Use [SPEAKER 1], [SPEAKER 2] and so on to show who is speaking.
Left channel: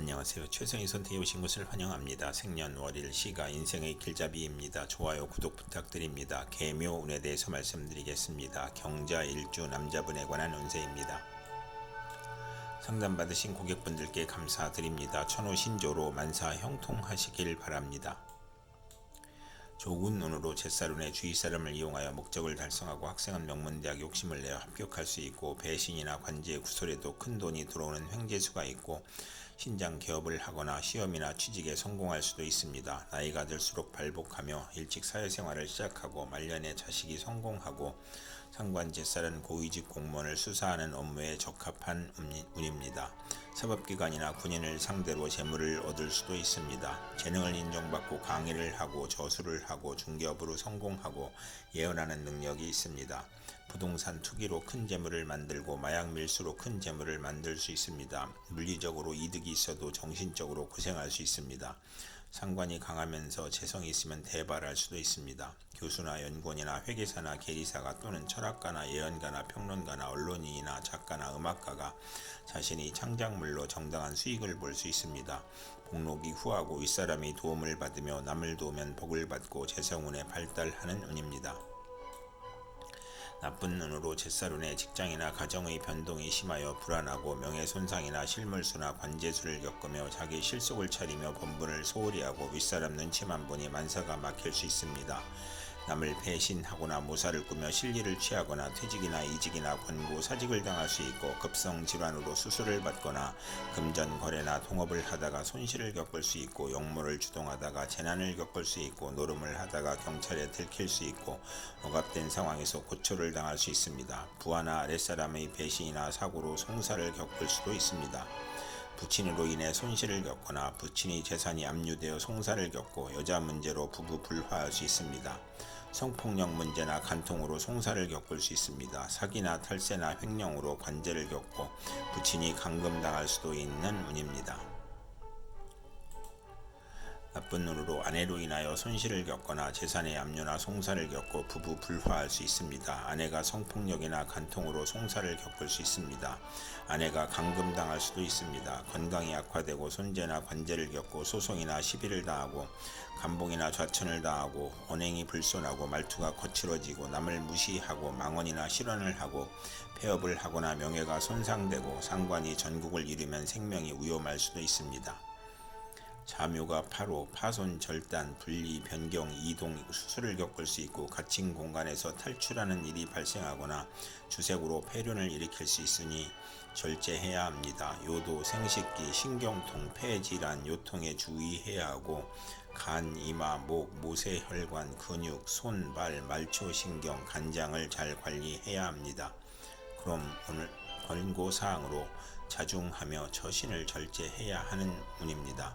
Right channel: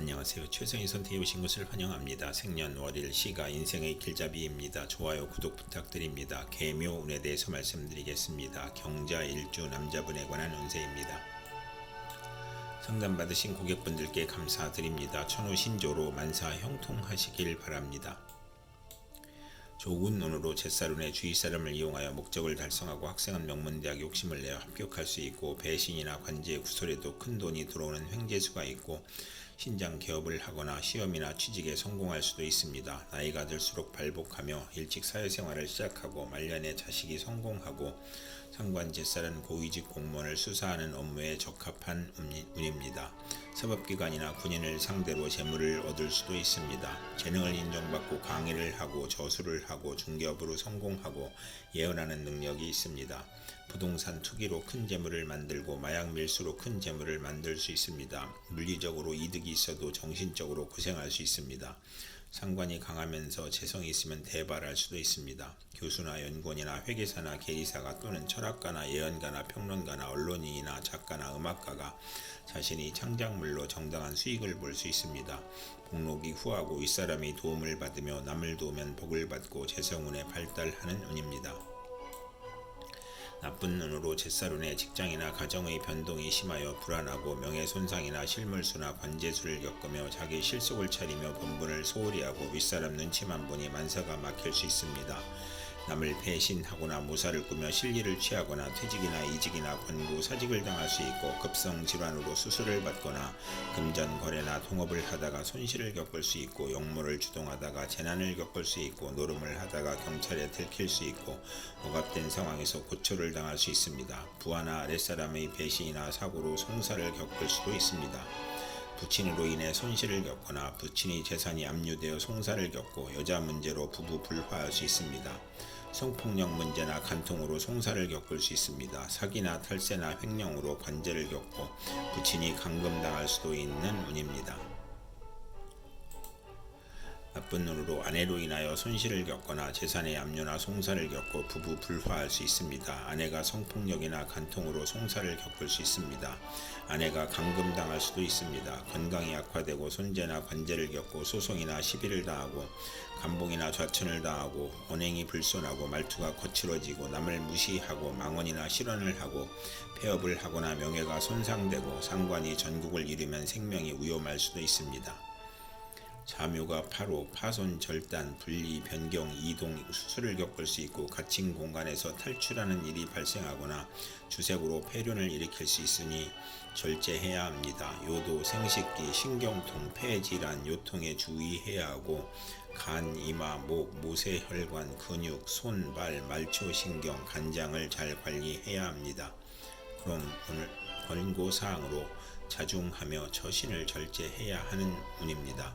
[SPEAKER 1] 안녕하세요. 최선희 선택해 오신 것을 환영합니다. 생년월일 시가 인생의 길잡이입니다. 좋아요, 구독 부탁드립니다. 개묘 운에 대해서 말씀드리겠습니다. 경자 일주 남자분에 관한 운세입니다. 상담 받으신 고객분들께 감사드립니다. 천호 신조로 만사 형통하시길 바랍니다. 좋은 운으로 제사룬의 주위 사람을 이용하여 목적을 달성하고 학생은 명문대학 욕심을 내어 합격할 수 있고 배신이나 관제 구설에도 큰 돈이 들어오는 횡재수가 있고 신장 개업을 하거나 시험이나 취직에 성공할 수도 있습니다. 나이가 들수록 발복하며 일찍 사회생활을 시작하고 말년에 자식이 성공하고 상관 제살은 고위직 공무원을 수사하는 업무에 적합한 운입니다. 사법기관이나 군인을 상대로 재물을 얻을 수도 있습니다. 재능을 인정받고 강의를 하고 저술을 하고 중개업으로 성공하고 예언하는 능력이 있습니다. 부동산 투기로 큰 재물을 만들고 마약 밀수로 큰 재물을 만들 수 있습니다. 물리적으로 이득이 있어도 정신적으로 고생할 수 있습니다. 상관이 강하면서 재성이 있으면 대발할 수도 있습니다. 교수나 연구원이나 회계사나 계리사가 또는 철학가나 예언가나 평론가나 언론인이나 작가나 음악가가 자신이 창작물로 정당한 수익을 볼 수 있습니다. 복록이 후하고 윗사람이 도움을 받으며 남을 도우면 복을 받고 재성운에 발달하는 운입니다. 나쁜 눈으로 제사룬의 직장이나 가정의 변동이 심하여 불안하고 명예 손상이나 실물수나 관제수를 겪으며 자기 실속을 차리며 본분을 소홀히 하고 윗사람 눈치만 보니 만사가 막힐 수 있습니다. 남을 배신하거나 모사를 꾸며 실리를 취하거나 퇴직이나 이직이나 권고 사직을 당할 수 있고 급성 질환으로 수술을 받거나 금전 거래나 통업을 하다가 손실을 겪을 수 있고 역모를 주동하다가 재난을 겪을 수 있고 노름을 하다가 경찰에 들킬 수 있고 억압된 상황에서 고초를 당할 수 있습니다. 부하나 아랫사람의 배신이나 사고로 송사를 겪을 수도 있습니다. 부친으로 인해 손실을 겪거나 부친의 재산이 압류되어 송사를 겪고 여자 문제로 부부 불화할 수 있습니다. 성폭력 문제나 간통으로 송사를 겪을 수 있습니다. 사기나 탈세나 횡령으로 관제를 겪고 부친이 감금당할 수도 있는 운입니다. 나쁜 눈으로 아내로 인하여 손실을 겪거나 재산의 압류나 송사를 겪고 부부 불화할 수 있습니다. 아내가 성폭력이나 간통으로 송사를 겪을 수 있습니다. 아내가 감금당할 수도 있습니다. 건강이 악화되고 손재나 관제를 겪고 소송이나 시비를 당하고 감봉이나 좌천을 당하고 언행이 불손하고 말투가 거칠어지고 남을 무시하고 망언이나 실언을 하고 폐업을 하거나 명예가 손상되고 상관이 전국을 잃으면 생명이 위험할 수도 있습니다. 자묘가 파로, 파손, 절단, 분리, 변경, 이동, 수술을 겪을 수 있고 갇힌 공간에서 탈출하는 일이 발생하거나 주색으로 폐륜을 일으킬 수 있으니 절제해야 합니다. 요도, 생식기, 신경통, 폐질환, 요통에 주의해야 하고 간, 이마, 목, 모세 혈관, 근육, 손, 발, 말초 신경, 간장을 잘 관리해야 합니다. 그럼 오늘 권고 사항으로 자중하며 처신을 절제해야 하는 운입니다.